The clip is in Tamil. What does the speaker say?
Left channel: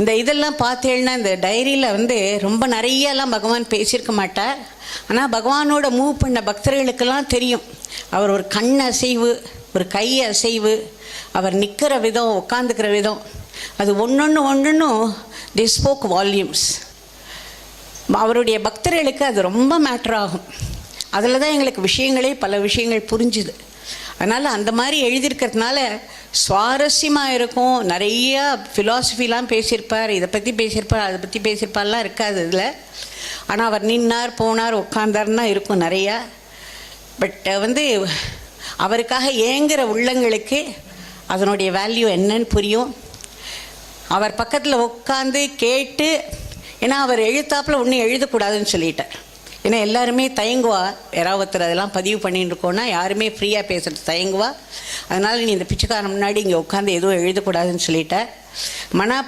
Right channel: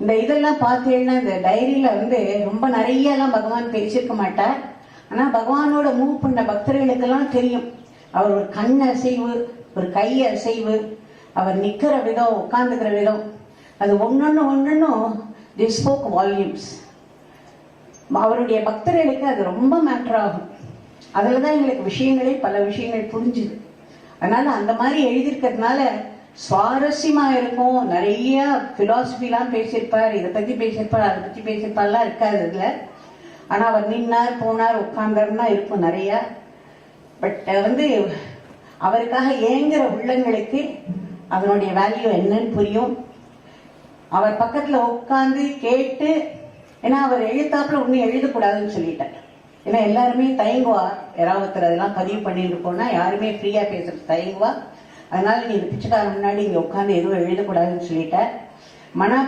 இந்த இதெல்லாம் பார்த்தேன்னா இந்த டைரியில் வந்து ரொம்ப நிறையெல்லாம் பகவான் பேசியிருக்க மாட்டார். ஆனால் பகவானோட மூவ் பண்ண பக்தர்களுக்கெல்லாம் தெரியும். அவர் ஒரு கண் அசைவு, ஒரு கை அசைவு, அவர் நிற்கிற விதம், உட்காந்துக்கிற விதம், அது ஒன்றொன்றும் தி ஸ்போக் வால்யூம்ஸ். அவருடைய பக்தர்களுக்கு அது ரொம்ப மேட்டர் ஆகும். அதில் தான் எங்களுக்கு பல விஷயங்கள் புரிஞ்சுது. அதனால் அந்த மாதிரி எழுதியிருக்கிறதுனால சுவாரஸ்யமாக இருக்கும். நிறையா ஃபிலாசபிலாம் பேசியிருப்பார், இதை பற்றி பேசியிருப்பார், அதை பற்றி பேசியிருப்பார்லாம் இருக்காது அதில். ஆனால் அவர் நின்னார், போனார், உட்கார்ந்தார்னா இருக்கும் நிறையா. பட் வந்து அவருக்காக ஏங்குகிற உள்ளங்களுக்கு அதனுடைய வேல்யூ என்னன்னு புரியும். அவர் பக்கத்தில் உட்காந்து கேட்டு, ஏன்னா அவர் எழுத்தாப்பில் ஒன்றும் எழுதக்கூடாதுன்னு சொல்லிட்டார். ஏன்னா எல்லாருமே தயங்குவா, யாராவது ஒருத்தர் அதெல்லாம் பதிவு பண்ணிட்டு இருக்கோன்னா யாருமே ஃப்ரீயாக பேசுகிறது தயங்குவா. அதனால் நீ இந்த பிச்சைக்காரன் முன்னாடி இங்கே உட்காந்து எதுவும் எழுதக்கூடாதுன்னு சொல்லிட்டார். மனா